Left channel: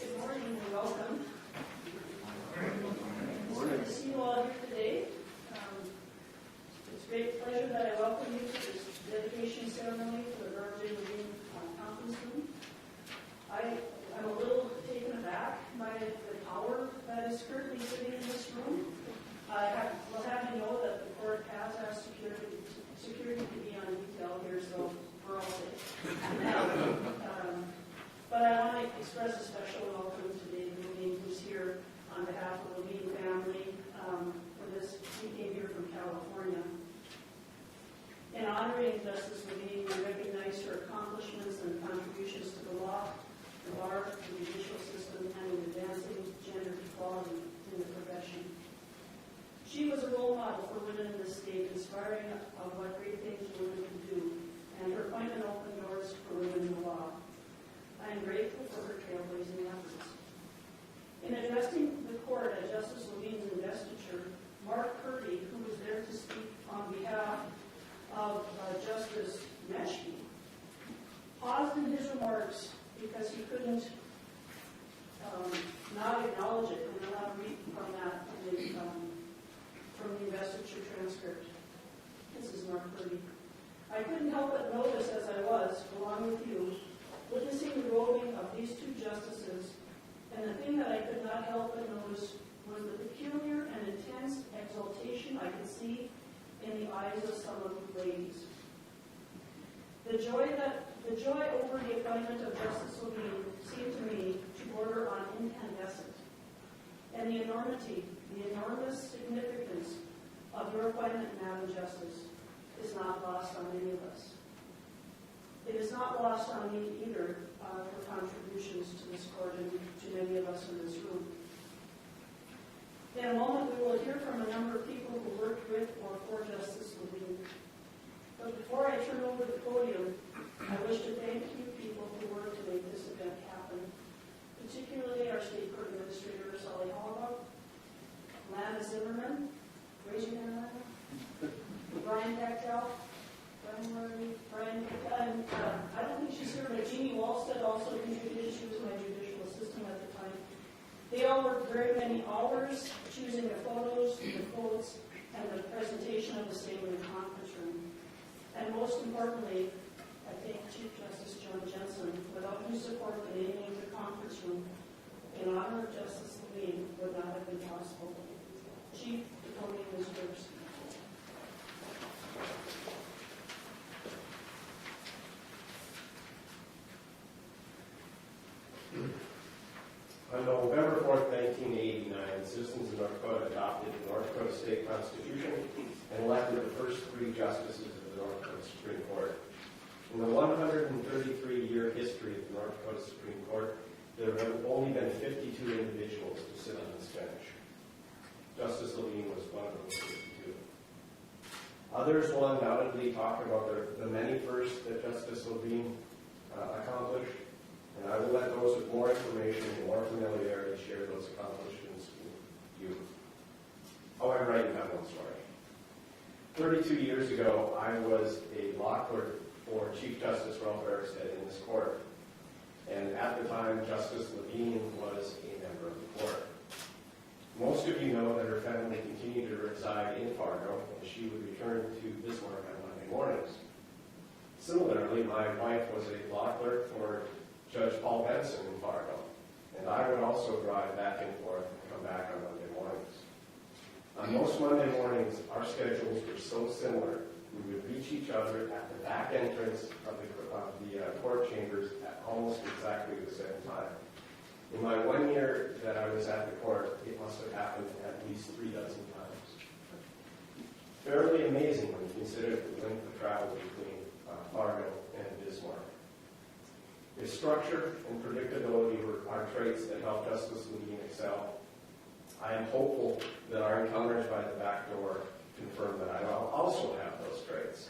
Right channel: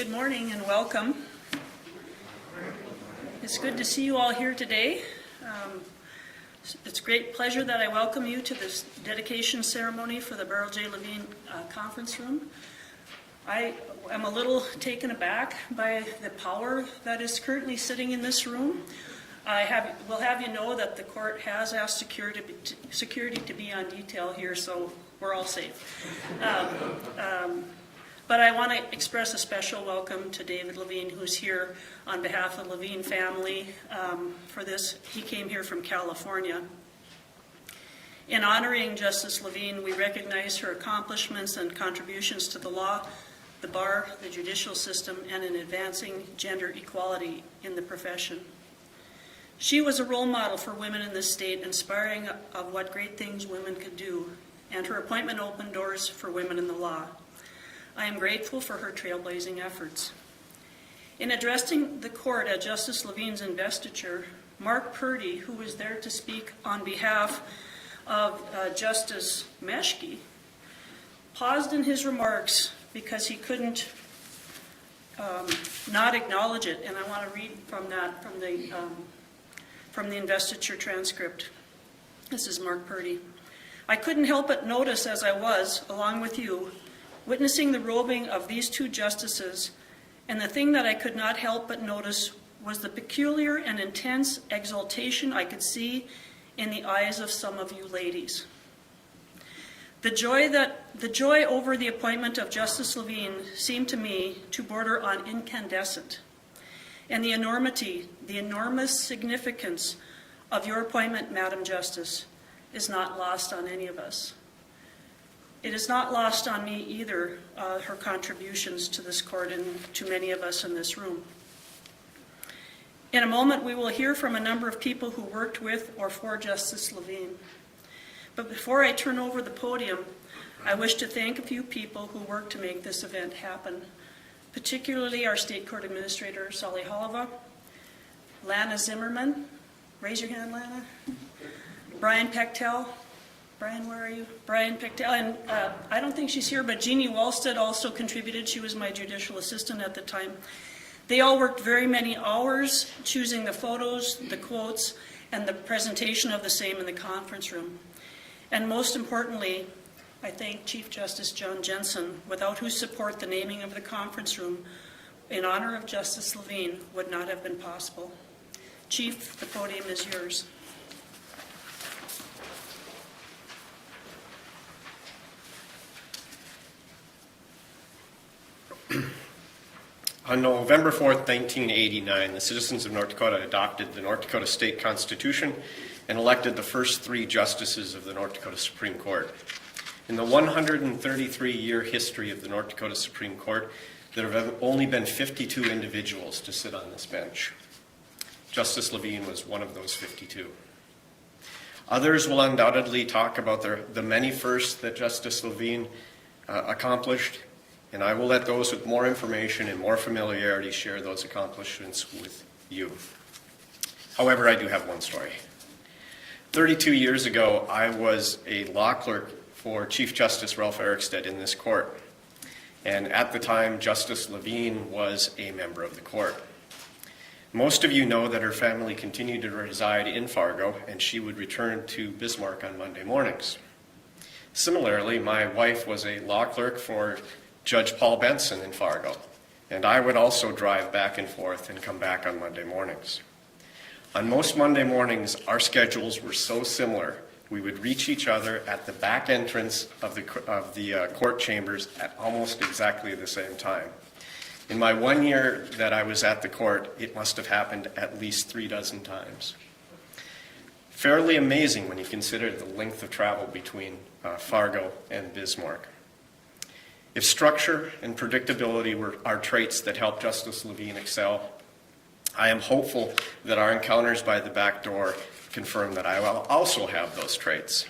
Good morning and welcome. It's good to see you all here today. It's a great pleasure that I welcome you to this dedication ceremony for the Beryl J. Levine conference room. I am a little taken aback by the power that is currently sitting in this room. Will have you know that the court has asked security to be on detail here, so we're all safe. But I want to express a special welcome to David Levine, who's here on behalf of the Levine family for this. He came here from California. In honoring Justice Levine, we recognize her accomplishments and contributions to the law, the bar, the judicial system, and in advancing gender equality in the profession. She was a role model for women in this state, inspiring of what great things women could do, and her appointment opened doors for women in the law. I am grateful for her trailblazing efforts. In addressing the court at Justice Levine's investiture, Mark Purdy, who was there to speak on behalf of Justice Meschke, paused in his remarks because he couldn't not acknowledge it, and I want to read from the investiture transcript. This is Mark Purdy. "I couldn't help but notice as I was, along with you, witnessing the robing of these two justices, and the thing that I could not help but notice was the peculiar and intense exultation I could see in the eyes of some of you ladies. The joy over the appointment of Justice Levine seemed to me to border on incandescent, and the enormous significance of your appointment, Madam Justice, is not lost on any of us. It is not lost on me either, her contributions to this court and to many of us in this room. In a moment, we will hear from a number of people who worked with or for Justice Levine. But before I turn over the podium, I wish to thank a few people who worked to make this event happen, particularly our State Court Administrator, Sally Holova, Lana Zimmerman, raise your hand, Lana, Brian Pechtel, Brian, where are you? Brian Pechtel, and I don't think she's here, but Jeannie Wallstead also contributed. She was my judicial assistant at the time. They all worked very many hours choosing the photos, the quotes, and the presentation of the same in the conference room. And most importantly, I thank Chief Justice John Jensen, without whose support the naming of the conference room in honor of Justice Levine would not have been possible. Chief, the podium is yours. On November 4th, 1989, the citizens of North Dakota adopted the North Dakota State Constitution and elected the first 3 justices of the North Dakota Supreme Court. In the 133-year history of the North Dakota Supreme Court, there have only been 52 individuals to sit on this bench. Justice Levine was one of those 52. Others will undoubtedly talk about the many firsts that Justice Levine accomplished, and I will let those with more information and more familiarity share those accomplishments with you. However, I do have one story. 32 years ago, I was a law clerk for Chief Justice Ralph Erikstead in this court. And at the time, Justice Levine was a member of the court. Most of you know that her family continued to reside in Fargo, and she would return to Bismarck on Monday mornings. Similarly, my wife was a law clerk for Judge Paul Benson in Fargo, and I would also drive back and forth and come back on Monday mornings. On most Monday mornings, our schedules were so similar, we would reach each other at the back entrance of the court chambers at almost exactly the same time. In my 1 year that I was at the court, it must have happened at least 3 dozen times. Fairly amazing when you consider the length of travel between Fargo and Bismarck. If structure and predictability are traits that help Justice Levine excel, I am hopeful that our encounters by the back door confirm that I will also have those traits.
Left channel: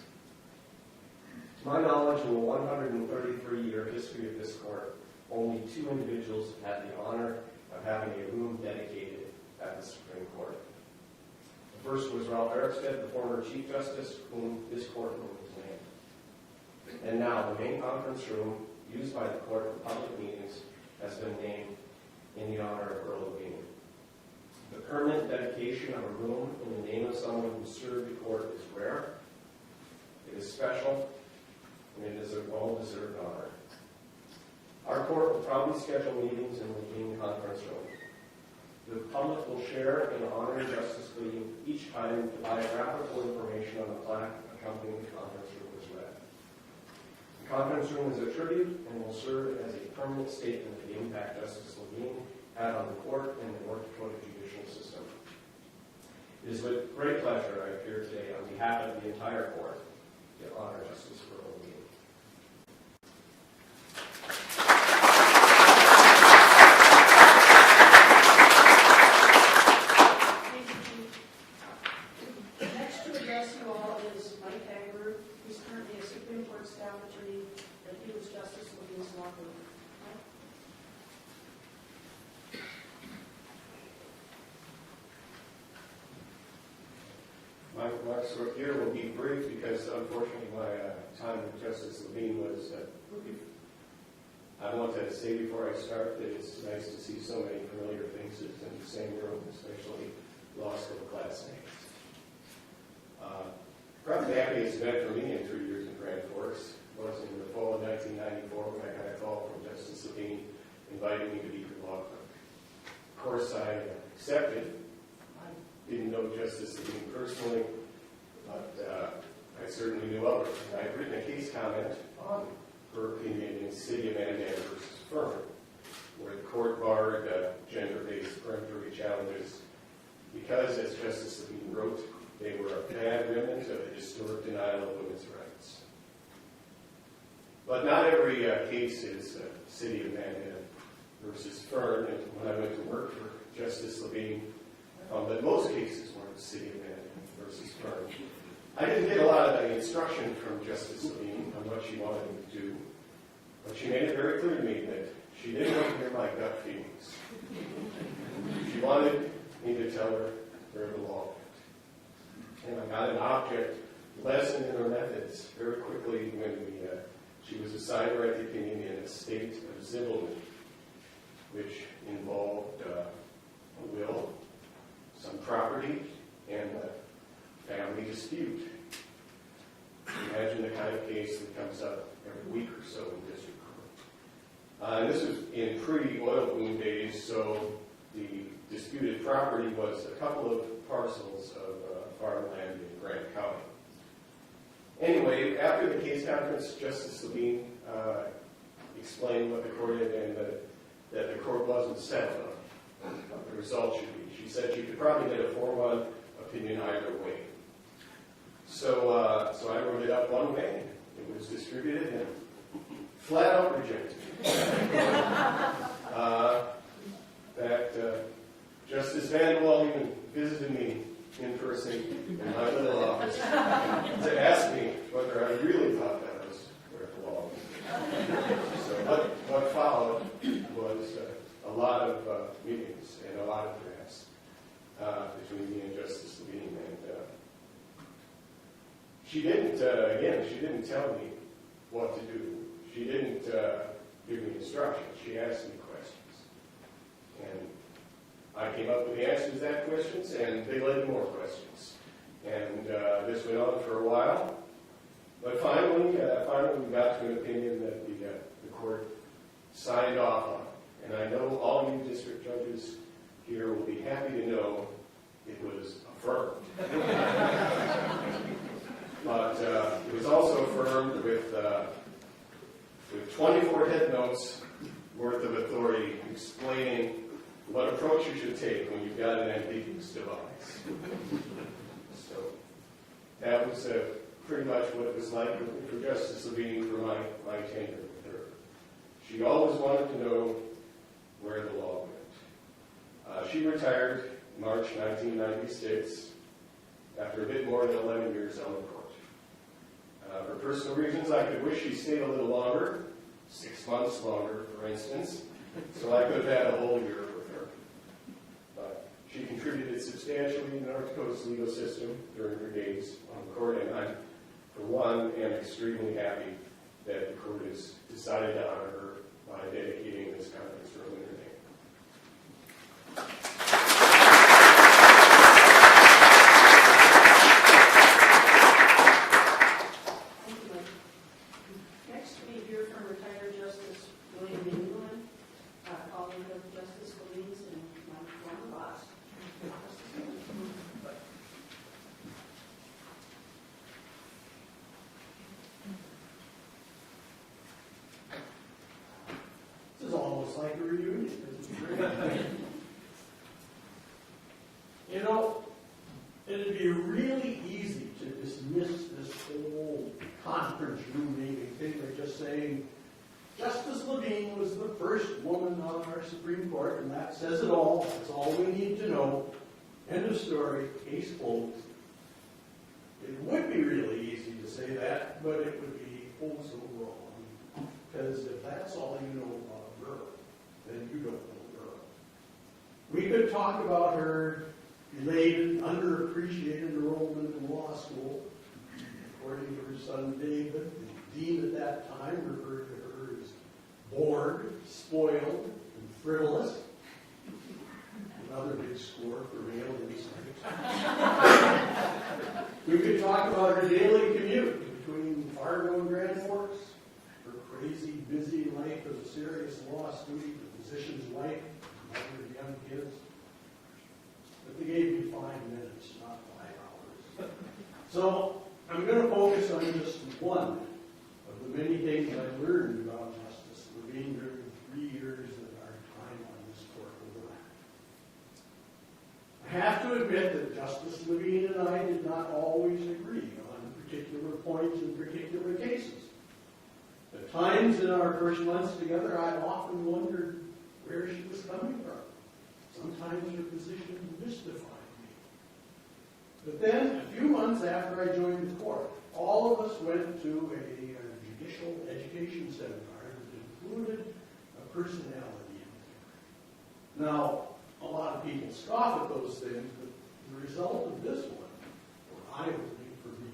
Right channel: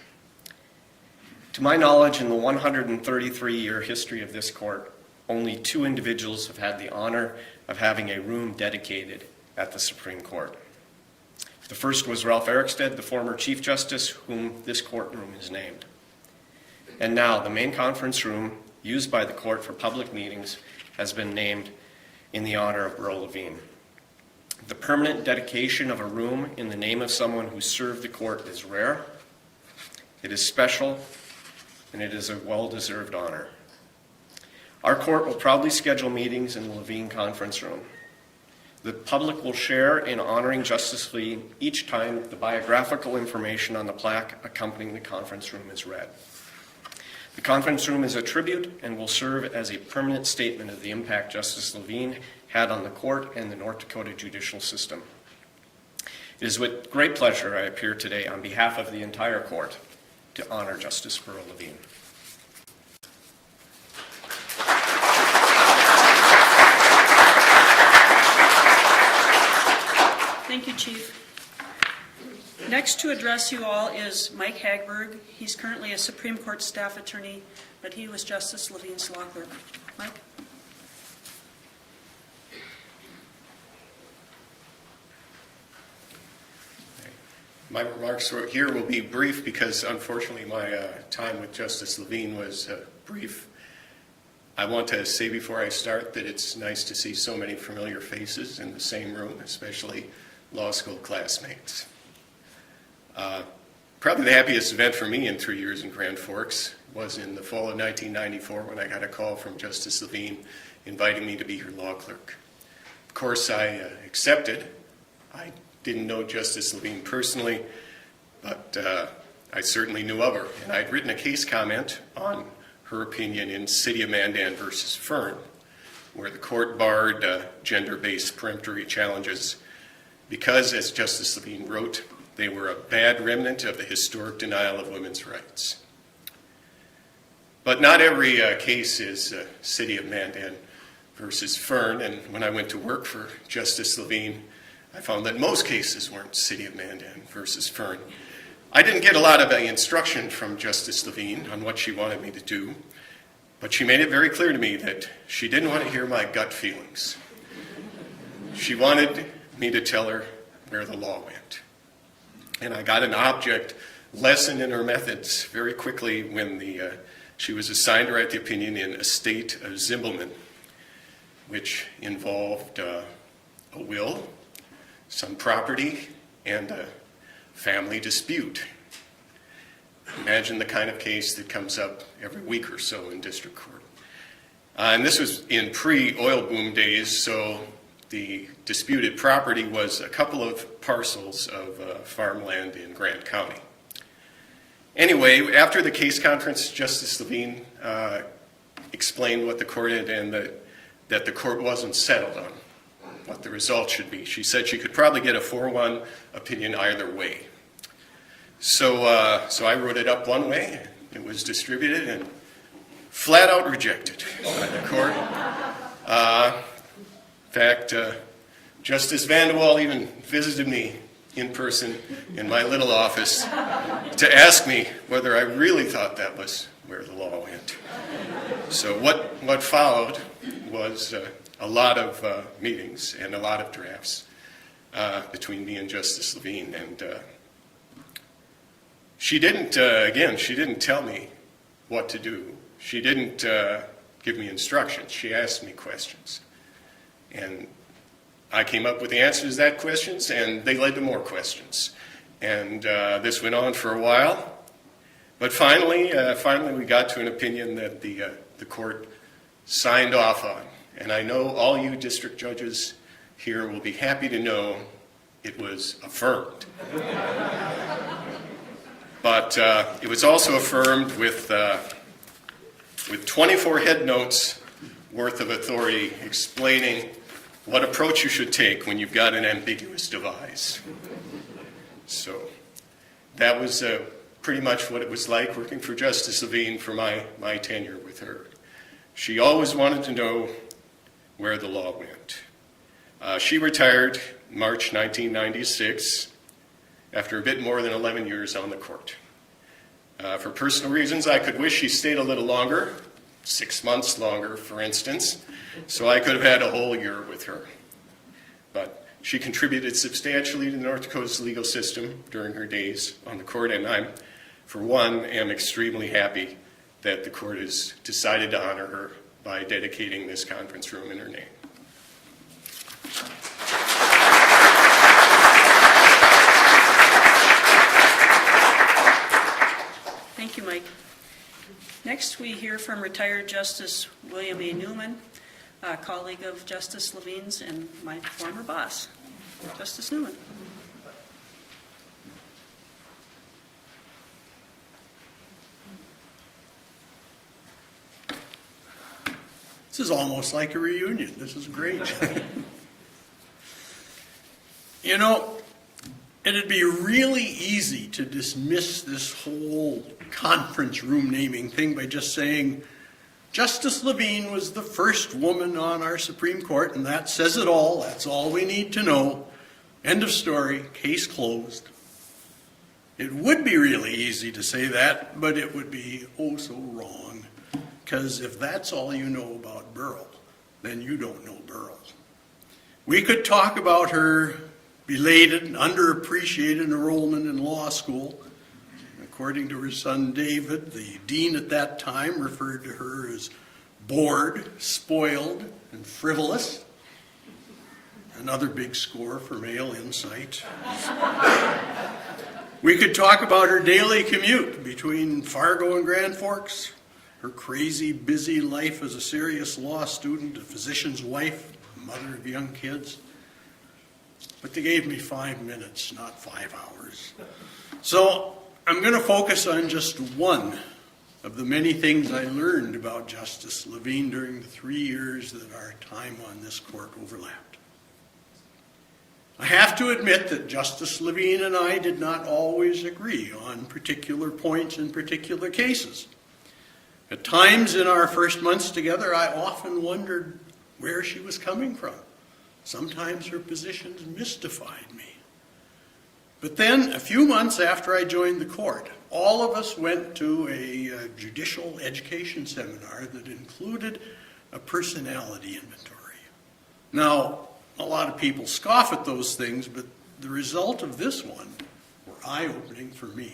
To my knowledge, in the 133-year history of this court, only 2 individuals have had the honor of having a room dedicated at the Supreme Court. The first was Ralph Erikstead, the former Chief Justice, whom this courtroom is named. And now, the main conference room used by the court for public meetings has been named in the honor of Earl Levine. The permanent dedication of a room in the name of someone who served the court is rare, it is special, and it is a well-deserved honor. Our court will proudly schedule meetings in the Levine conference room. The public will share in honoring Justice Levine each time the biographical information on the plaque accompanying the conference room is read. The conference room is a tribute and will serve as a permanent statement of the impact Justice Levine had on the court and the North Dakota judicial system. It is with great pleasure I appear today on behalf of the entire court to honor Justice Earl Levine. Thank you, Chief. Next to address you all is Mike Hagberg. He's currently a Supreme Court staff attorney, but he was Justice Levine's law clerk. Mike? My remarks here will be brief because, unfortunately, my time with Justice Levine was brief. I want to say before I start that it's nice to see so many familiar faces in the same room, especially law school classmates. Probably the happiest event for me in 3 years in Grand Forks was in the fall of 1994 when I got a call from Justice Levine inviting me to be her law clerk. Of course, I accepted. I didn't know Justice Levine personally, but I certainly knew of her. And I'd written a case comment on her opinion in City of Mandan versus Fern, where the court barred gender-based peremptory challenges because, as Justice Levine wrote, they were a bad remnant of the historic denial of women's rights. But not every case is City of Mandan versus Fern, and when I went to work for Justice Levine, I found that most cases weren't City of Mandan versus Fern. I didn't get a lot of instruction from Justice Levine on what she wanted me to do, but she made it very clear to me that she didn't want to hear my gut feelings. She wanted me to tell her where the law went. And I got an object lesson in her methods very quickly when she was assigned to write the opinion in Estate of Zimbelman, which involved a will, some property, and a family dispute. Imagine the kind of case that comes up every week or so in district court. And this was in pre-oil boom days, so the disputed property was a couple of parcels of farmland in Grant County. Anyway, after the case conference, Justice Levine explained what the court did and that the court wasn't settled on what the result should be. She said she could probably get a 4-1 opinion either way. So I wrote it up one way, it was distributed and flat out rejected by the court. In fact, Justice Vanderwall even visited me in person in my little office to ask me whether I really thought that was where the law went. So what followed was a lot of meetings and a lot of drafts between me and Justice Levine. And she didn't tell me what to do. She didn't give me instructions. She asked me questions. And I came up with the answers to that questions, and they led to more questions. And this went on for a while. But finally we got to an opinion that the court signed off on. And I know all you district judges here will be happy to know it was affirmed. But it was also affirmed with 24 head notes worth of authority explaining what approach you should take when you've got an ambiguous devise. So that was pretty much what it was like working for Justice Levine for my tenure with her. She always wanted to know where the law went. She retired in March 1996 after a bit more than 11 years on the court. For personal reasons, I could wish she stayed a little longer, 6 months longer, for instance, so I could have had a whole year with her. But she contributed substantially to North Dakota's legal system during her days on the court, and I, for one, am extremely happy that the court has decided to honor her by dedicating this conference room in her name. retired Justice William A. Newman, a colleague of Justice Levine's and my former boss, Justice Newman. This is almost like a reunion. This is great. You know, it'd be really easy to dismiss this whole conference room naming thing by just saying, Justice Levine was the first woman on our Supreme Court, and that says it all. That's all we need to know. End of story. Case closed. It would be really easy to say that, but it would be oh so wrong. Because if that's all you know about Burl, then you don't know Burl. We could talk about her belated and underappreciated enrollment in law school. According to her son David, the dean at that time referred to her as bored, spoiled, and frivolous. Another big score for male insight. We could talk about her daily commute between Fargo and Grand Forks, her crazy, busy life as a serious law student, a physician's wife, mother of young kids. But they gave me 5 minutes, not 5 hours. So I'm going to focus on just one of the many things I learned about Justice Levine during the 3 years that our time on this court overlapped. I have to admit that Justice Levine and I did not always agree on particular points in particular cases. At times in our first months together, I often wondered where she was coming from. Sometimes her positions mystified me. But then, a few months after I joined the court, all of us went to a judicial education seminar that included a personality inventory. Now, a lot of people scoff at those things, but the result of this one were eye-opening for me.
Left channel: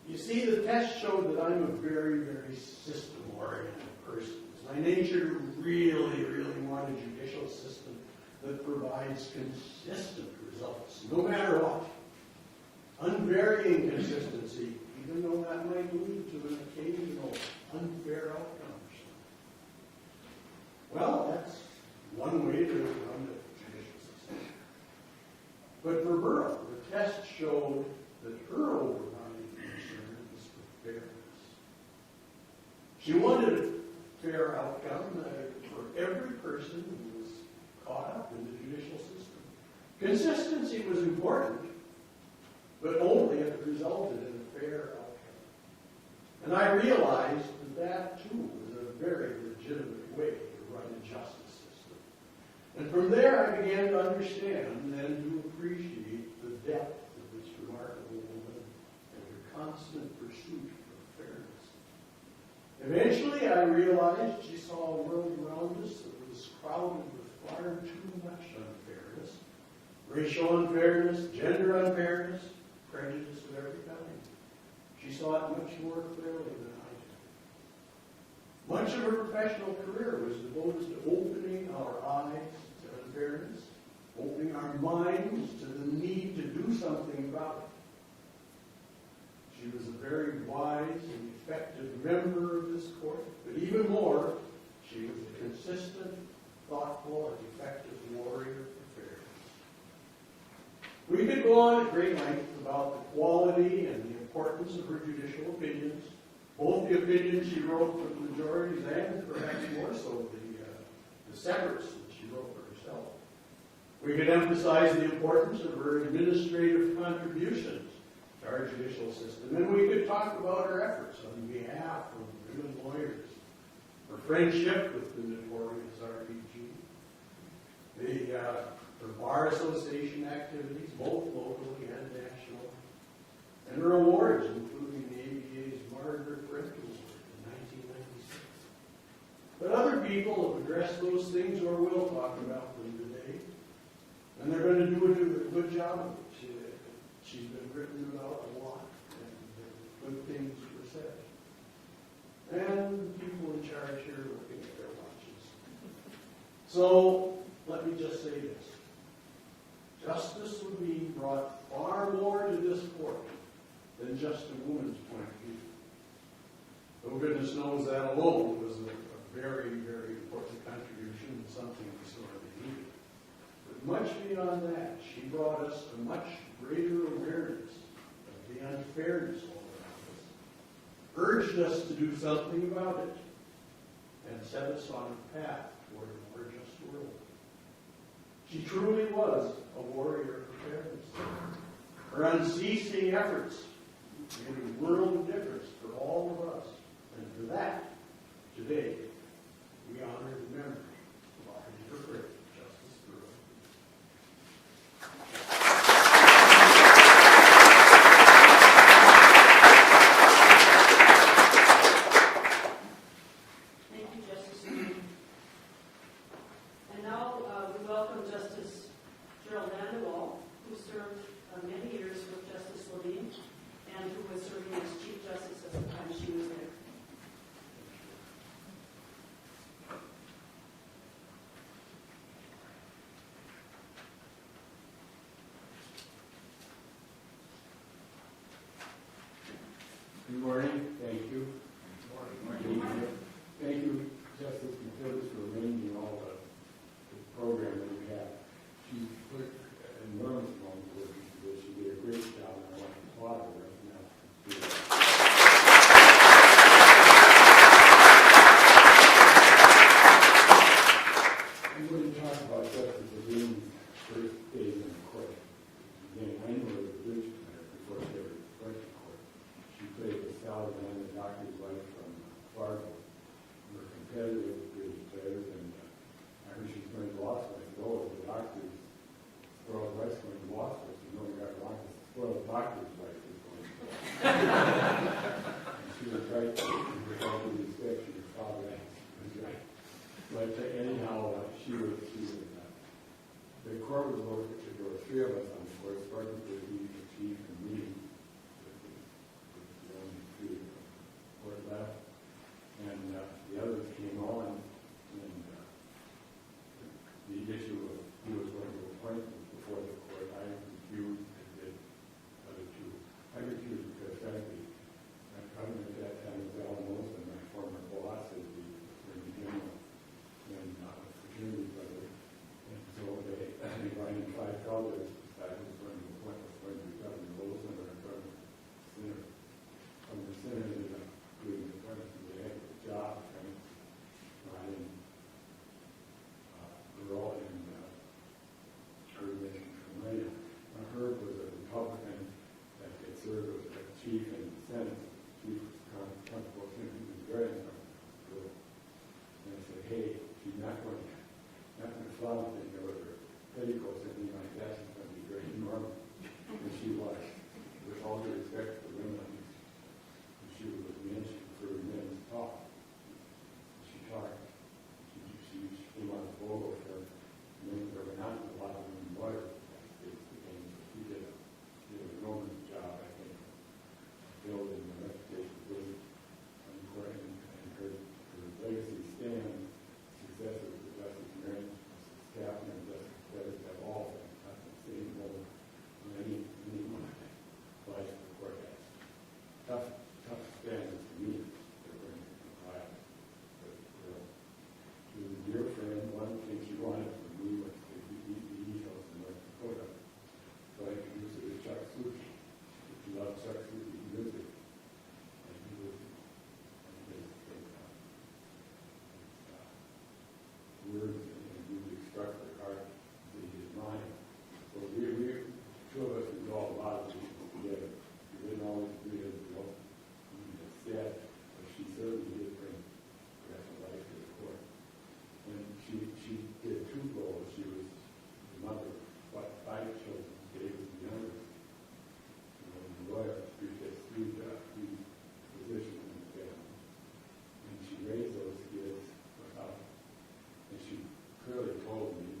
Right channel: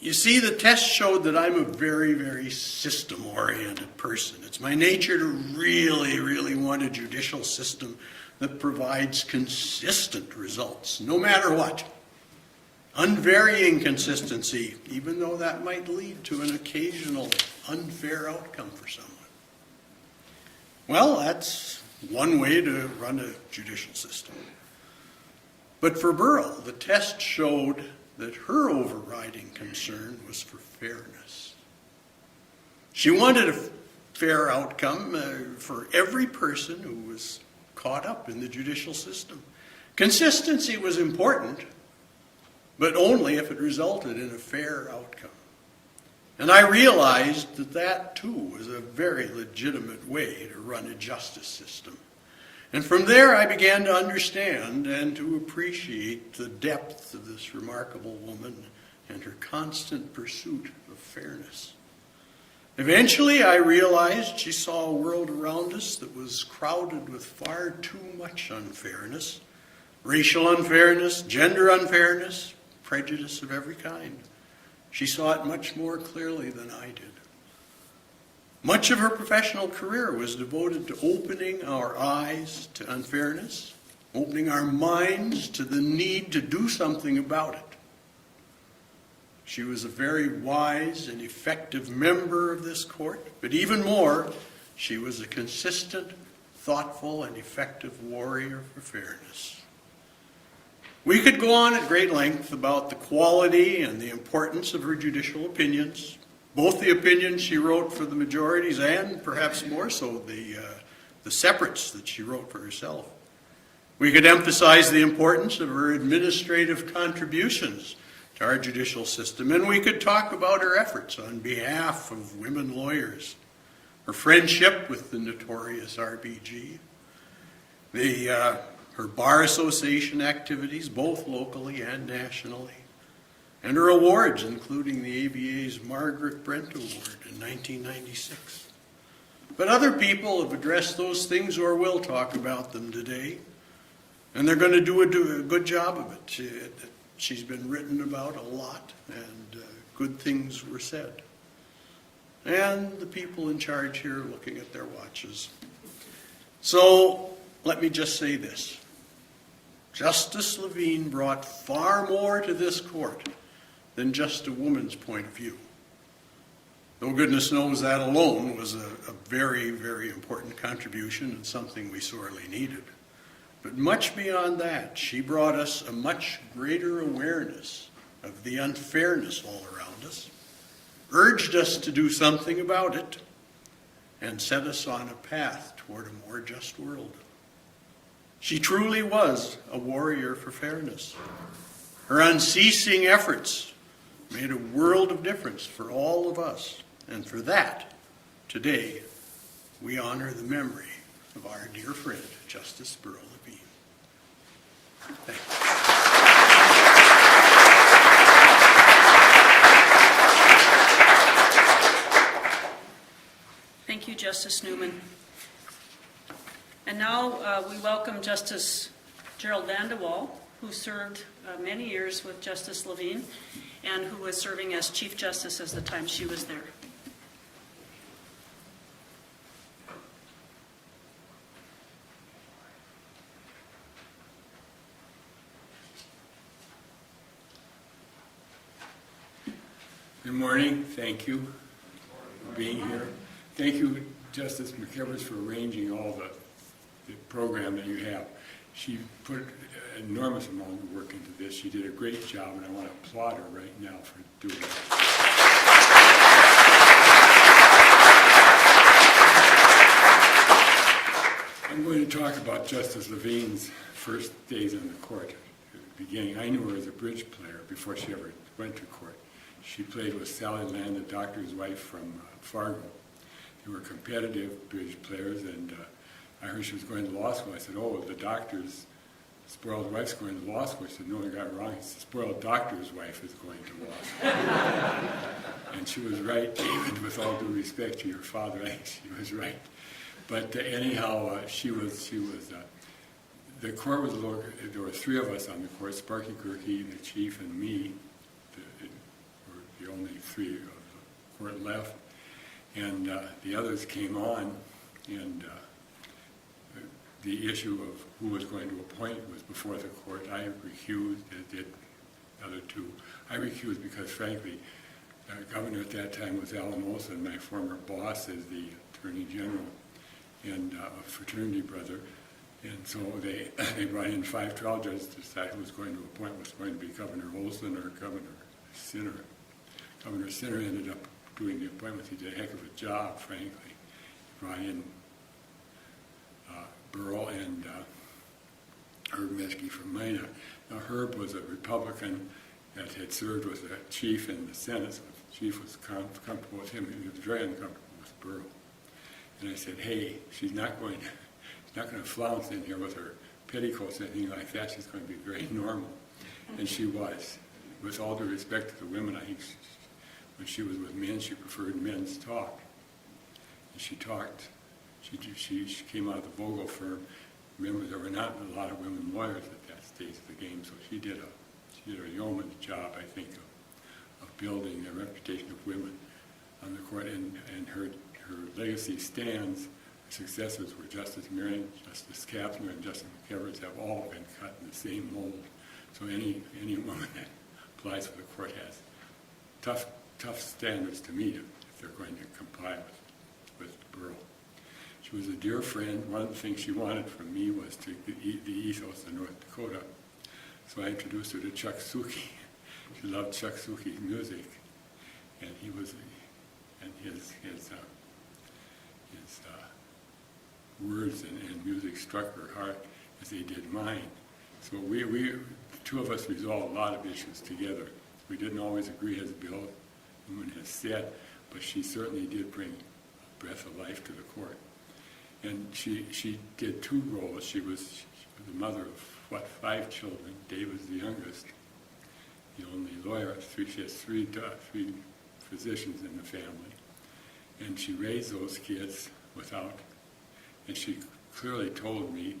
You see, the test showed that I'm a very, very system-oriented person. It's my nature to really, really want a judicial system that provides consistent results, no matter what. Unvarying consistency, even though that might lead to an occasional unfair outcome for someone. Well, that's one way to run a judicial system. But for Burl, the test showed that her overriding concern was for fairness. She wanted a fair outcome for every person who was caught up in the judicial system. Consistency was important, but only if it resulted in a fair outcome. And I realized that that too was a very legitimate way to run a justice system. And from there I began to understand and to appreciate the depth of this remarkable woman and her constant pursuit of fairness. Eventually I realized she saw a world around us that was crowded with far too much unfairness, racial unfairness, gender unfairness, prejudice of every kind. She saw it much more clearly than I did. Much of her professional career was devoted to opening our eyes to unfairness, opening our minds to the need to do something about it. She was a very wise and effective member of this court, but even more, she was a consistent, thoughtful, and effective warrior for fairness. We could go on at great length about the quality and the importance of her judicial opinions, both the opinions she wrote for the majorities and perhaps more so the separates that she wrote for herself. We could emphasize the importance of her administrative contributions to our judicial system, and we could talk about her efforts on behalf of women lawyers, her friendship with the notorious RBG, her Bar Association activities, both locally and nationally, and her awards, including the ABA's Margaret Brent Award in 1996. But other people have addressed those things or will talk about them today, and they're going to do a good job of it. She's been written about a lot, and good things were said. And the people in charge here are looking at their watches. So let me just say this. Justice Levine brought far more to this court than just a woman's point of view. Though goodness knows that alone was a very, very important contribution and something we sorely needed. But much beyond that, she brought us a much greater awareness of the unfairness all around us, urged us to do something about it, and set us on a path toward a more just world. She truly was a warrior for fairness. Her unceasing efforts made a world of difference for all of us. And for that, today, we honor the memory of our dear friend, Justice Burl Levine. Thank you, Justice Newman. And now we welcome Justice Gerald Vandewall, who served many years with Justice Levine and who was serving as Chief Justice at the time she was there. Good morning. Thank you for being here. Thank you, Justice McKivers, for arranging all the program that you have. She put an enormous amount of work into this. She did a great job, and I want to applaud her right now for doing it. I'm going to talk about Justice Levine's first days in the court. At the beginning, I knew her as a bridge player before she ever went to court. She played with Sally Land, the doctor's wife from Fargo. They were competitive bridge players, and I heard she was going to law school. I said, oh, the doctor's spoiled wife's going to law school. I said, no, I got it wrong. It's the spoiled doctor's wife is going to law school. And she was right, David, with all due respect to your father, I think she was right. But anyhow, she was the court was a little, there were three of us on the court, Sparky Gerke, the chief, and me. The only three were left. And the others came on, and the issue of who was going to appoint was before the court. I recused, as did the other two. I recused because, frankly, governor at that time was Alan Wilson, my former boss as the Attorney General, and a fraternity brother. And so they brought in 5 trial judges to decide who was going to appoint, was going to be Governor Olson or Governor Sinner. Governor Sinner ended up doing the appointments. He did a heck of a job, frankly. He brought in Burl and Herb Meskey from Mina. Now, Herb was a Republican that had served with the chief in the Senate. So the chief was comfortable with him, and he was very uncomfortable with Burl. And I said, hey, she's not going to flounce in here with her petticoats or anything like that. She's going to be very normal. And she was. With all due respect to the women, I think when she was with men, she preferred men's talk. And she talked. She came out of the Vogel firm. Remember, there were not a lot of women lawyers at that stage of the game, so she did a yeoman's job, I think, of building the reputation of women on the court. And her legacy stands. Successors were Justice Marion, Justice Catherine, and Justice McKivers have all been cut in the same mold. So any woman that applies for the court has tough standards to meet if they're going to comply with Burl. She was a dear friend. One thing she wanted from me was to the ethos of North Dakota. So I introduced her to Chuck Suki. She loved Chuck Suki's music, and his words and music struck her heart as they did mine. So we the two of us resolved a lot of issues together. We didn't always agree, as Bill Newman has said, but she certainly did bring a breath of life to the court. And she did 2 roles. She was the mother of, 5 children. Dave was the youngest, the only lawyer. She has three physicians in the family. And she raised those kids and she clearly told me,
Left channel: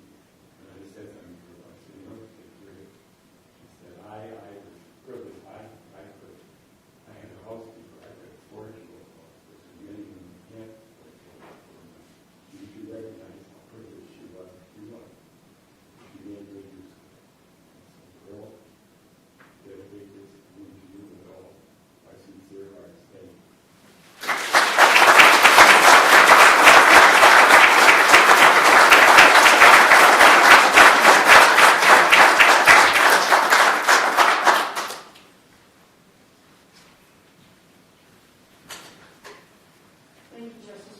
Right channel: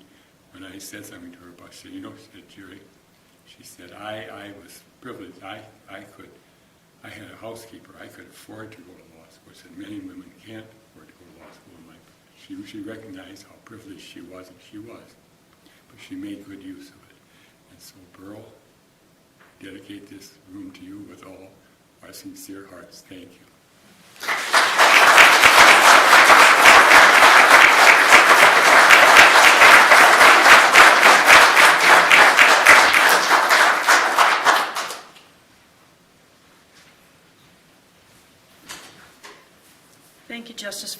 when I said something to her about, she said, she said, Jerry, she said, I was privileged. I had a housekeeper. I could afford to go to law school. I said, many women can't afford to go to law school. She recognized how privileged she was, and she was. But she made good use of it. And so, Burl, dedicate this room to you with all our sincere hearts. Thank you.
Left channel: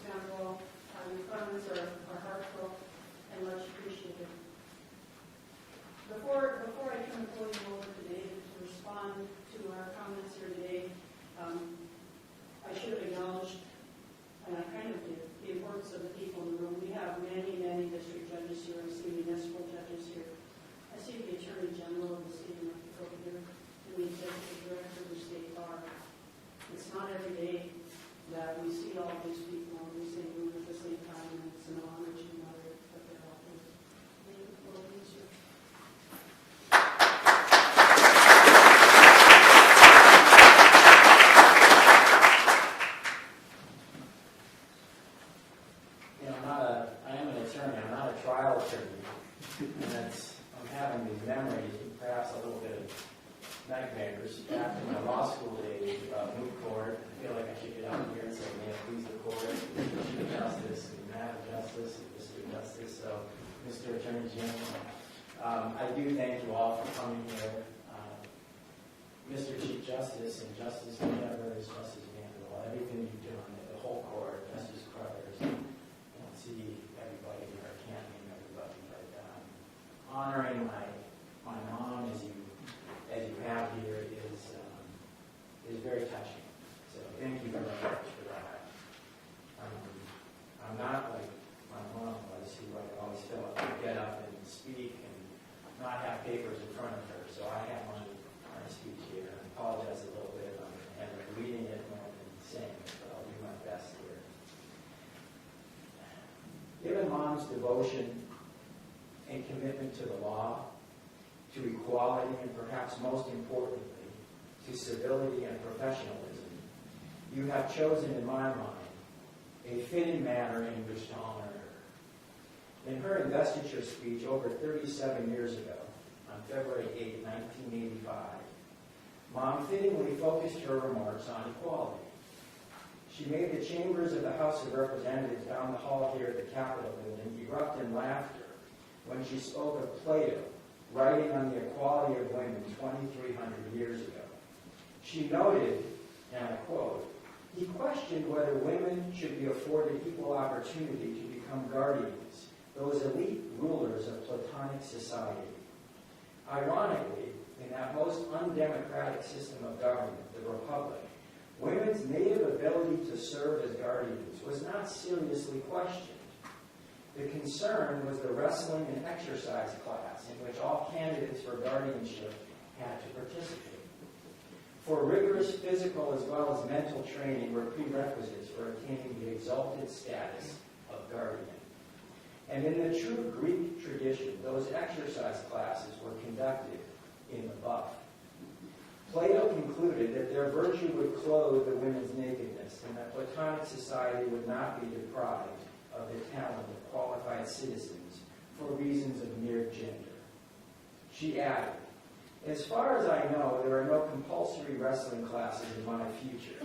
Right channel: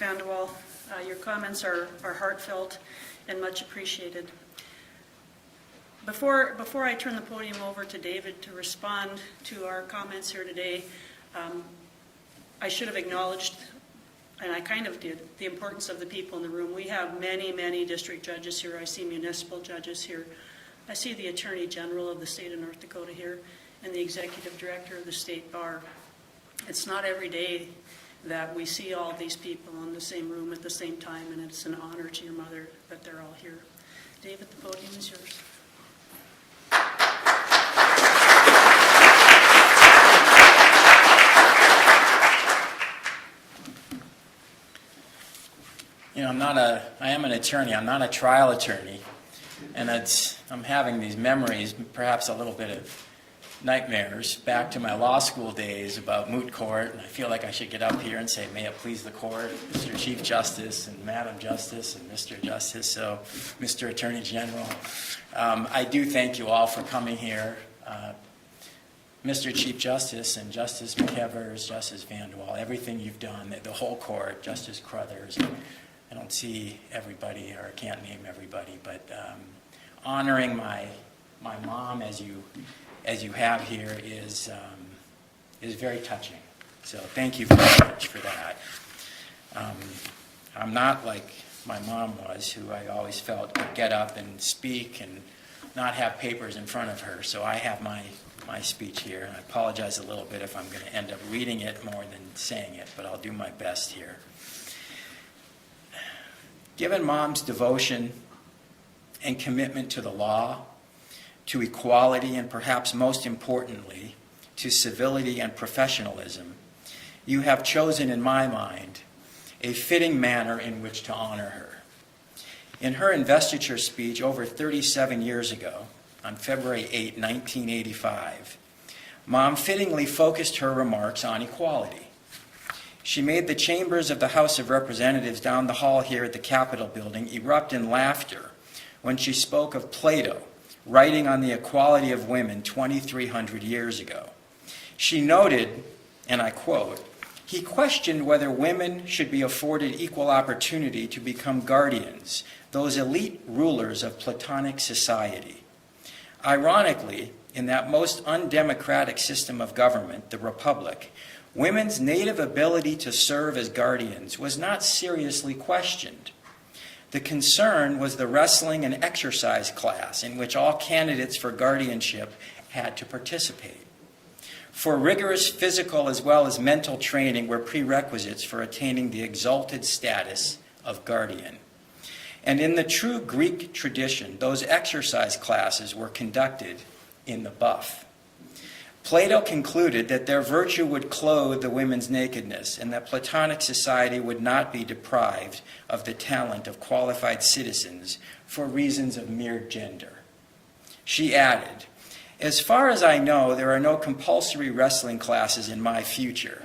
Vanderwall. Your comments are heartfelt and much appreciated. Before I turn the podium over to David to respond to our comments here today, I should have acknowledged, and I kind of did, the importance of the people in the room. We have many, many district judges here. I see municipal judges here. I see the Attorney General of the state of North Dakota here and the Executive Director of the State Bar. It's not every day that we see all these people in the same room at the same time, and it's an honor to your mother that they're all here. David, the podium is yours. You know, I am an attorney. I'm not a trial attorney. And I'm having these memories, perhaps a little bit of nightmares, back to my law school days about moot court. I feel like I should get up here and say, may it please the court, Mr. Chief Justice and Madam Justice and Mr. Justice, so Mr. Attorney General. I do thank you all for coming here. Mr. Chief Justice and Justice McEvers, Justice Vanderwall, everything you've done, the whole court, Justice Crothers. I don't see everybody, or I can't name everybody, but honoring my mom as you have here is very touching. So thank you very much for that. I'm not like my mom was, who I always felt could get up and speak and not have papers in front of her. So I have my speech here. I apologize a little bit if I'm going to end up reading it more than saying it, but I'll do my best here. Given Mom's devotion and commitment to the law, to equality, and perhaps most importantly, to civility and professionalism, you have chosen, in my mind, a fitting manner in which to honor her. In her investiture speech over 37 years ago, on February 8, 1985, Mom fittingly focused her remarks on equality. She made the chambers of the House of Representatives down the hall here at the Capitol building erupt in laughter when she spoke of Plato writing on the equality of women 2,300 years ago. She noted, and I quote, "He questioned whether women should be afforded equal opportunity to become guardians, those elite rulers of Platonic society. Ironically, in that most undemocratic system of government, the Republic, women's native ability to serve as guardians was not seriously questioned. The concern was the wrestling and exercise class in which all candidates for guardianship had to participate. For rigorous physical as well as mental training were prerequisites for attaining the exalted status of guardian. And in the true Greek tradition, those exercise classes were conducted in the buff. Plato concluded that their virtue would clothe the women's nakedness and that Platonic society would not be deprived of the talent of qualified citizens for reasons of mere gender." She added, "As far as I know, there are no compulsory wrestling classes in my future.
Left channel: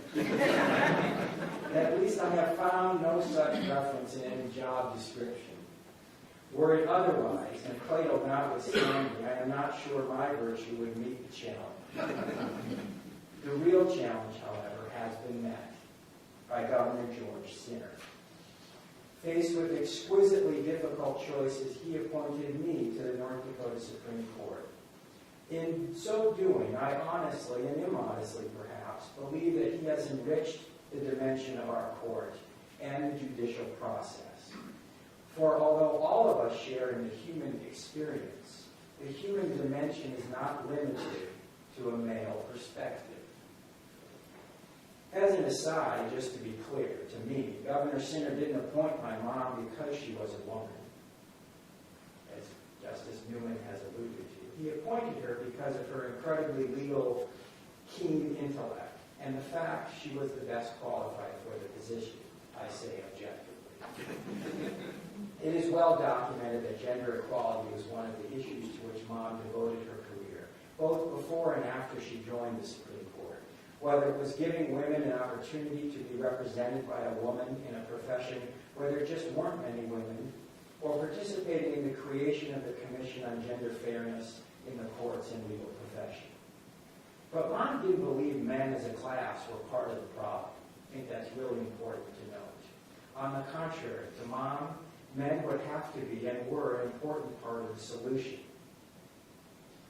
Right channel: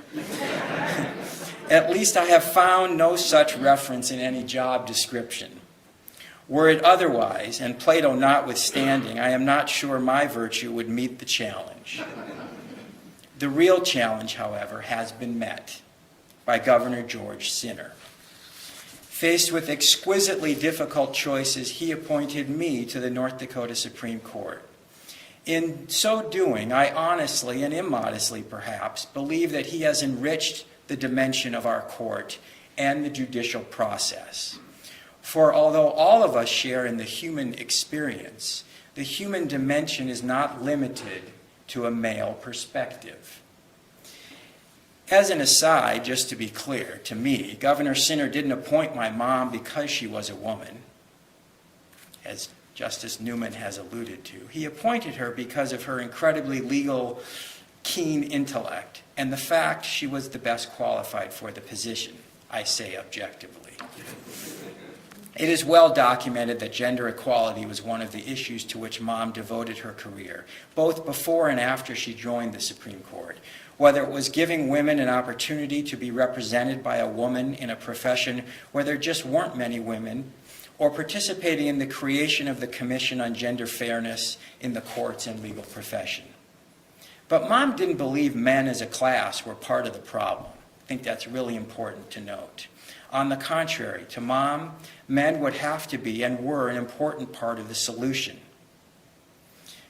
At least I have found no such reference in any job description. Were it otherwise, and Plato notwithstanding, I am not sure my virtue would meet the challenge. The real challenge, however, has been met by Governor George Sinner. Faced with exquisitely difficult choices, he appointed me to the North Dakota Supreme Court. In so doing, I honestly and immodestly perhaps believe that he has enriched the dimension of our court and the judicial process. For although all of us share in the human experience, the human dimension is not limited to a male perspective. As an aside, just to be clear, to me, Governor Sinner didn't appoint my mom because she was a woman, as Justice Newman has alluded to. He appointed her because of her incredibly legal, keen intellect and the fact she was the best qualified for the position, I say objectively. It is well documented that gender equality was one of the issues to which Mom devoted her career, both before and after she joined the Supreme Court. Whether it was giving women an opportunity to be represented by a woman in a profession where there just weren't many women, or participating in the creation of the Commission on Gender Fairness in the courts and legal profession. But Mom didn't believe men as a class were part of the problem. I think that's really important to note. On the contrary, to Mom, men would have to be and were an important part of the solution.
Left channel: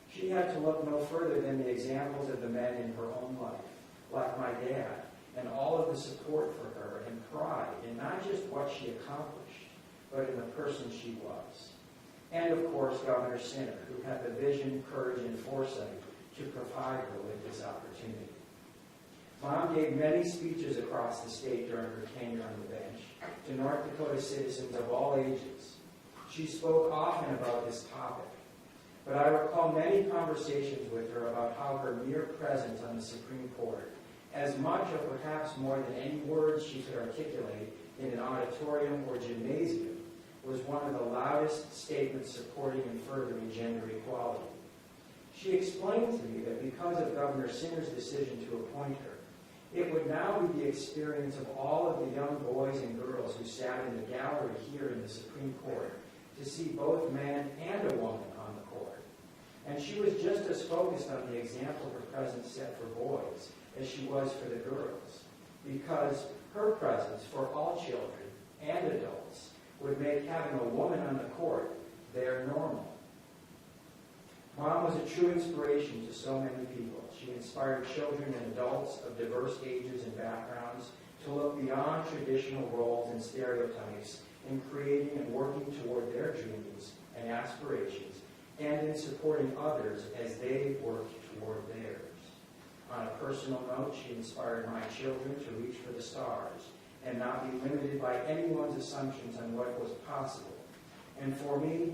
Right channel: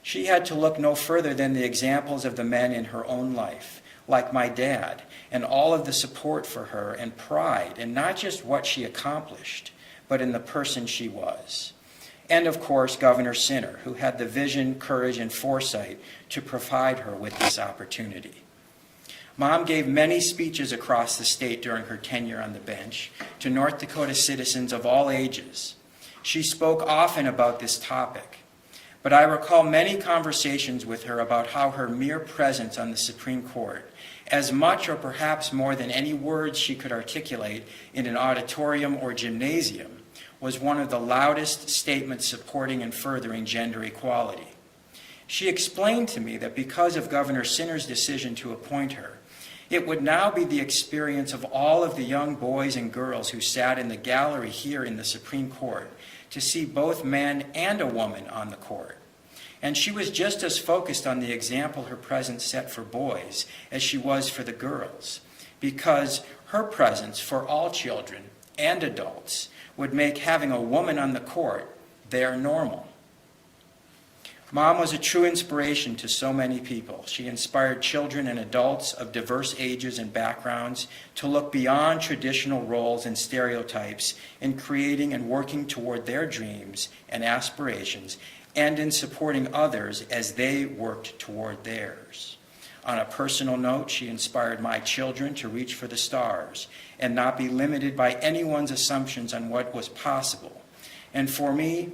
She had to look no further than the examples of the men in her own life, like my dad, and all of the support for her and pride in not just what she accomplished, but in the person she was. And of course, Governor Sinner, who had the vision, courage, and foresight to provide her with this opportunity. Mom gave many speeches across the state during her tenure on the bench to North Dakota citizens of all ages. She spoke often about this topic, but I recall many conversations with her about how her mere presence on the Supreme Court, as much or perhaps more than any words she could articulate in an auditorium or gymnasium, was one of the loudest statements supporting and furthering gender equality. She explained to me that because of Governor Sinner's decision to appoint her, it would now be the experience of all of the young boys and girls who sat in the gallery here in the Supreme Court to see both men and a woman on the court. And she was just as focused on the example her presence set for boys as she was for the girls, because her presence for all children and adults would make having a woman on the court their normal. Mom was a true inspiration to so many people. She inspired children and adults of diverse ages and backgrounds to look beyond traditional roles and stereotypes in creating and working toward their dreams and aspirations, and in supporting others as they worked toward theirs. On a personal note, she inspired my children to reach for the stars and not be limited by anyone's assumptions on what was possible. And for me,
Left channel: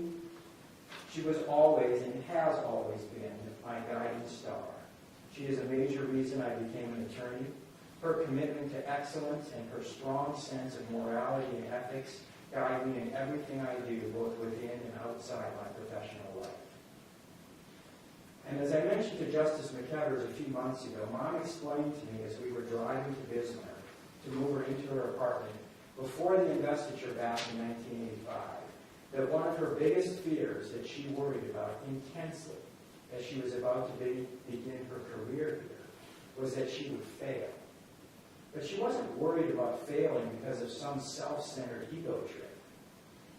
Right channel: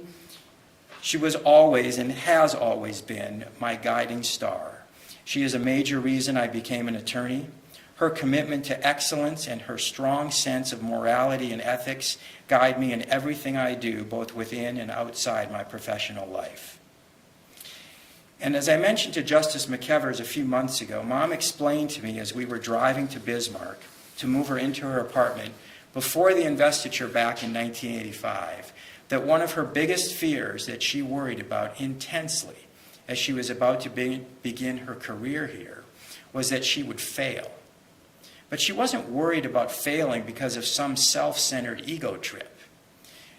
she was always and has always been my guiding star. She is a major reason I became an attorney. Her commitment to excellence and her strong sense of morality and ethics guide me in everything I do, both within and outside my professional life. And as I mentioned to Justice McKevers a few months ago, Mom explained to me as we were driving to Bismarck to move her into her apartment before the investiture back in 1985, that one of her biggest fears that she worried about intensely as she was about to begin her career here was that she would fail. But she wasn't worried about failing because of some self-centered ego trip.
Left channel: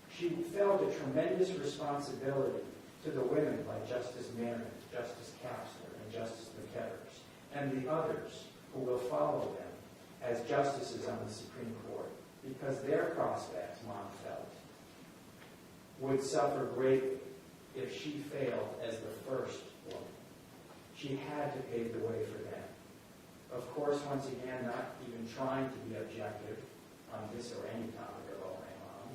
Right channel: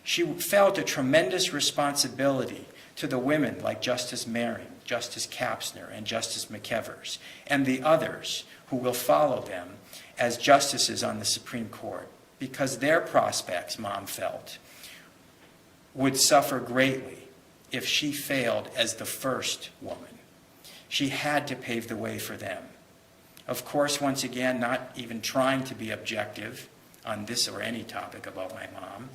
She felt a tremendous responsibility to the women like Justice Marin, Justice Kapsner, and Justice McKevers, and the others who will follow them as justices on the Supreme Court, because their prospects, Mom felt, would suffer greatly if she failed as the first woman. She had to pave the way for them. Of course, once again, not even trying to be objective on this or any topic about my mom.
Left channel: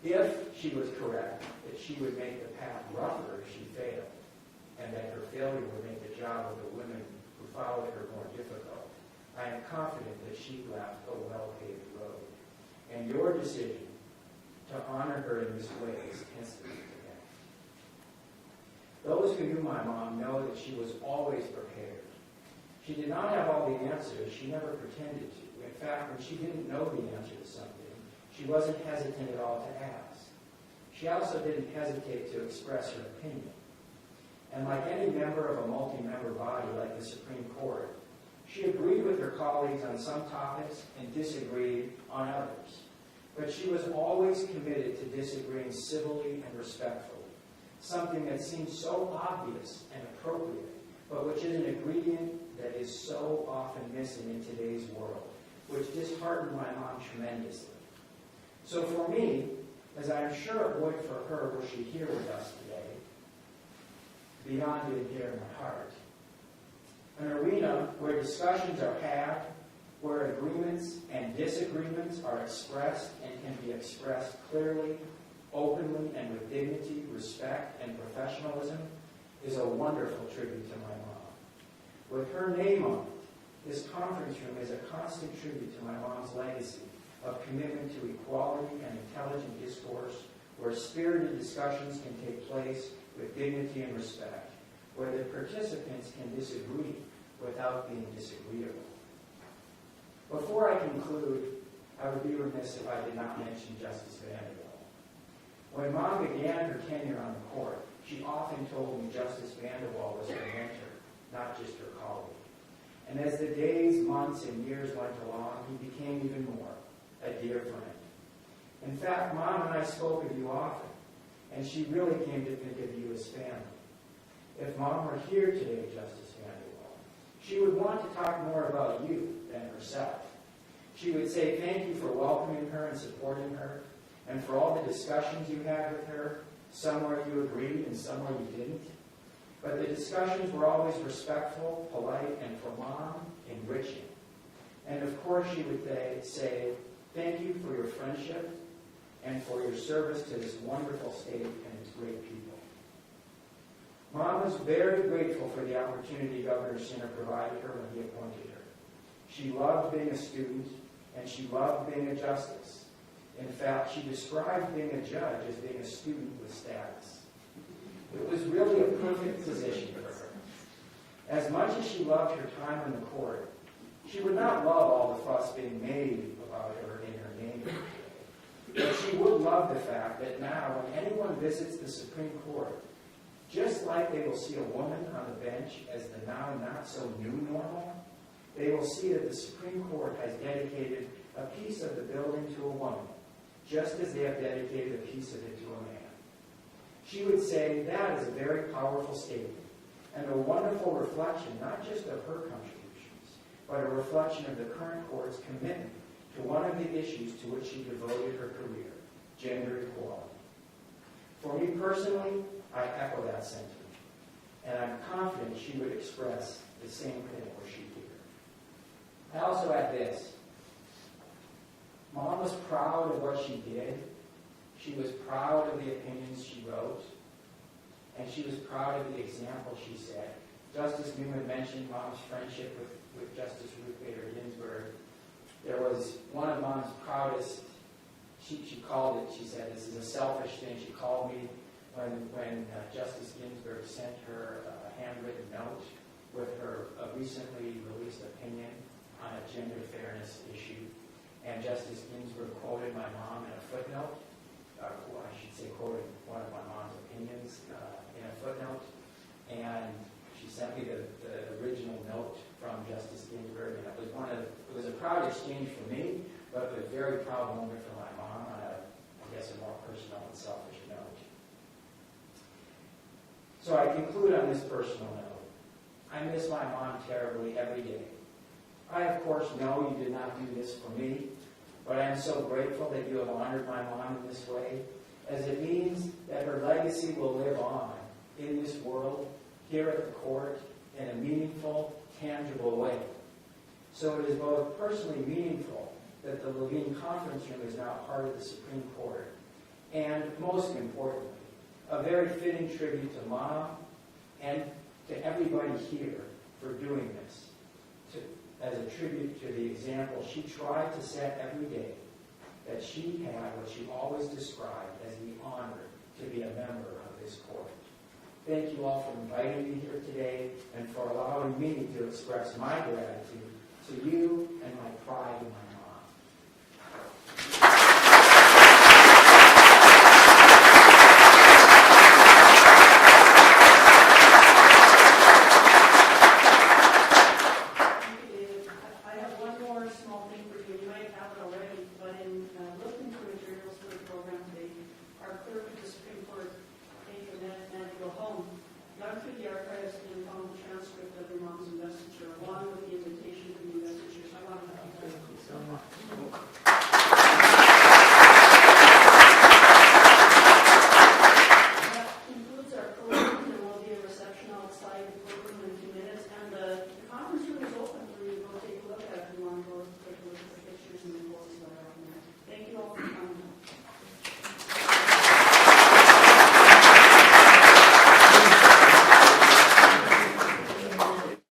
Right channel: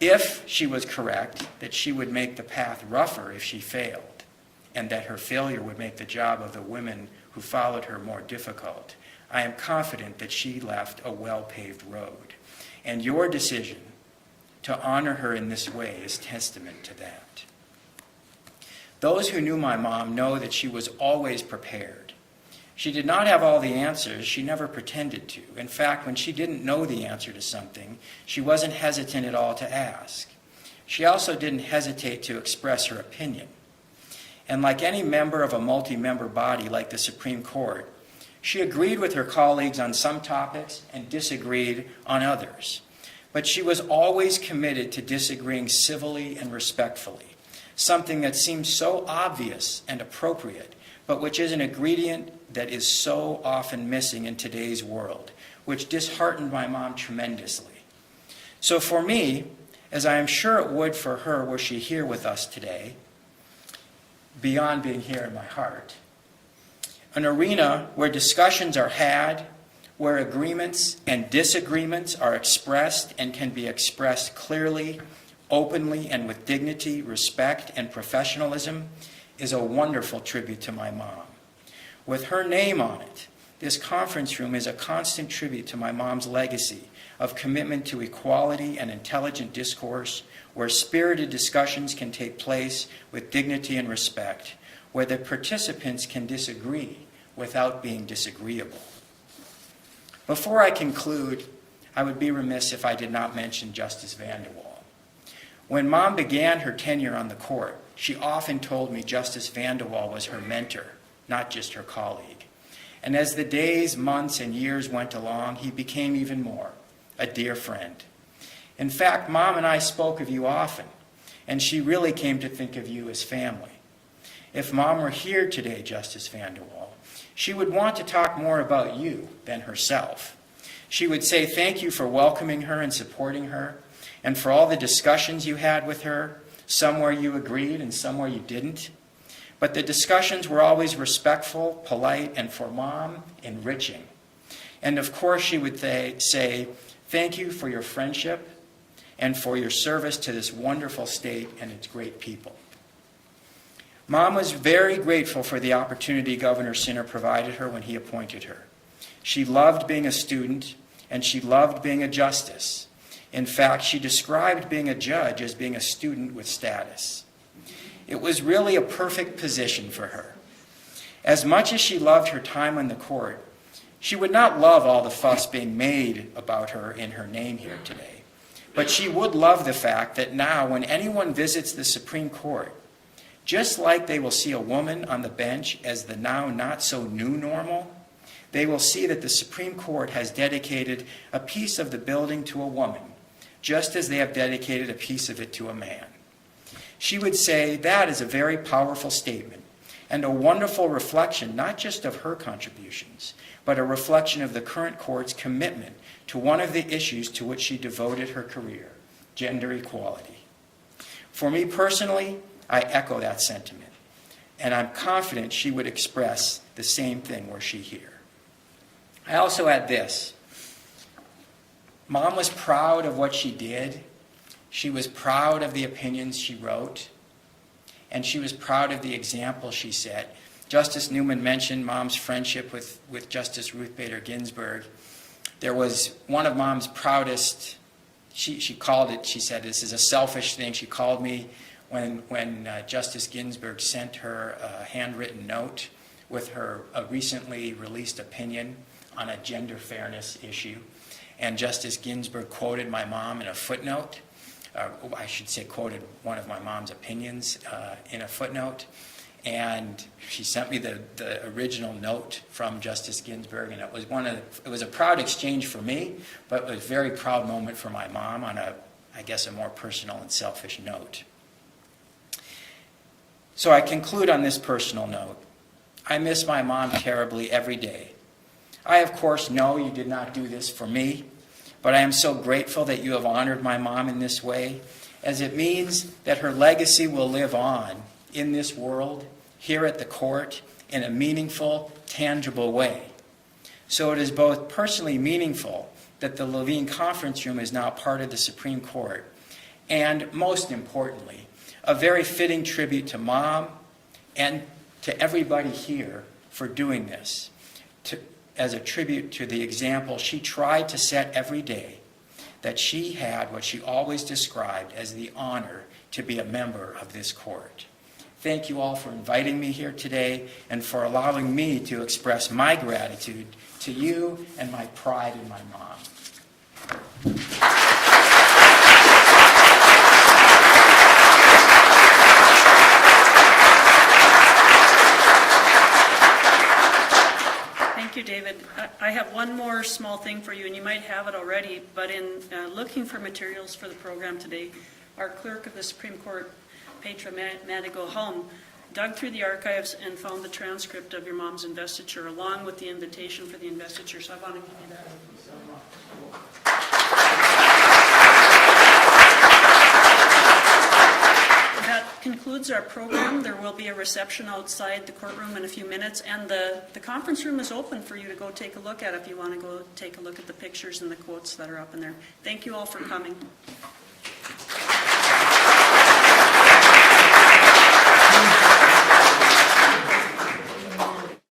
If she was correct that she would make the path rougher if she failed, and that her failure would make the job of the women who followed her more difficult, I am confident that she left a well-paved road. And your decision to honor her in this way is testament to that. Those who knew my mom know that she was always prepared. She did not have all the answers. She never pretended to. In fact, when she didn't know the answer to something, she wasn't hesitant at all to ask. She also didn't hesitate to express her opinion. And like any member of a multi-member body like the Supreme Court, she agreed with her colleagues on some topics and disagreed on others. But she was always committed to disagreeing civilly and respectfully, something that seems so obvious and appropriate, but which is an ingredient that is so often missing in today's world, which disheartened my mom tremendously. So for me, as I am sure it would for her were she here with us today, beyond being here in my heart, an arena where discussions are had, where agreements and disagreements are expressed and can be expressed clearly, openly, and with dignity, respect, and professionalism, is a wonderful tribute to my mom. With her name on it, this conference room is a constant tribute to my mom's legacy of commitment to equality and intelligent discourse, where spirited discussions can take place with dignity and respect, where the participants can disagree without being disagreeable. Before I conclude, I would be remiss if I did not mention Justice Vanderwall. When Mom began her tenure on the court, she often told me Justice Vanderwall was her mentor, not just her colleague. And as the days, months, and years went along, he became even more, a dear friend. In fact, Mom and I spoke of you often, and she really came to think of you as family. If Mom were here today, Justice Vanderwall, she would want to talk more about you than herself. She would say thank you for welcoming her and supporting her, and for all the discussions you had with her, some where you agreed and some where you didn't. But the discussions were always respectful, polite, and for Mom, enriching. And of course she would say, thank you for your friendship and for your service to this wonderful state and its great people. Mom was very grateful for the opportunity Governor Sinner provided her when he appointed her. She loved being a student, and she loved being a justice. In fact, she described being a judge as being a student with status. It was really a perfect position for her. As much as she loved her time on the court, she would not love all the fuss being made about her in her name here today. But she would love the fact that now when anyone visits the Supreme Court, just like they will see a woman on the bench as the now not so new normal, they will see that the Supreme Court has dedicated a piece of the building to a woman, just as they have dedicated a piece of it to a man. She would say that is a very powerful statement and a wonderful reflection not just of her contributions, but a reflection of the current court's commitment to one of the issues to which she devoted her career, gender equality. For me personally, I echo that sentiment, and I'm confident she would express the same thing were she here. I also add this. Mom was proud of what she did. She was proud of the opinions she wrote, and she was proud of the example she set. Justice Newman mentioned Mom's friendship with Justice Ruth Bader Ginsburg. There was one of Mom's proudest, she called it, she said, this is a selfish thing. She called me when Justice Ginsburg sent her a handwritten note with her recently released opinion on a gender fairness issue. And Justice Ginsburg quoted my mom in a footnote. I should say quoted one of my mom's opinions in a footnote. And she sent me the original note from Justice Ginsburg, and it was a proud exchange for me, but it was a very proud moment for my mom on a more personal and selfish note. So I conclude on this personal note. I miss my mom terribly every day. I, of course, know you did not do this for me, but I am so grateful that you have honored my mom in this way, as it means that her legacy will live on in this world, here at the court, in a meaningful, tangible way. So it is both personally meaningful that the Levine Conference Room is now part of the Supreme Court, and most importantly, a very fitting tribute to Mom and to everybody here for doing this, as a tribute to the example she tried to set every day, that she had what she always described as the honor to be a member of this court. Thank you all for inviting me here today and for allowing me to express my gratitude to you and my pride in my mom. I have one more small thing for you, and you might have it already, but in looking for materials for the program today, our clerk of the Supreme Court, Petra Manigo-Helm, dug through the archives and found the transcript of your mom's investiture, along with the invitation for the investiture. So I want to give you that. That concludes our program. There will be a reception outside the courtroom in a few minutes, and the conference room is open for you to go take a look at if you want to go take a look at the pictures and the quotes that are up in there. Thank you all for coming.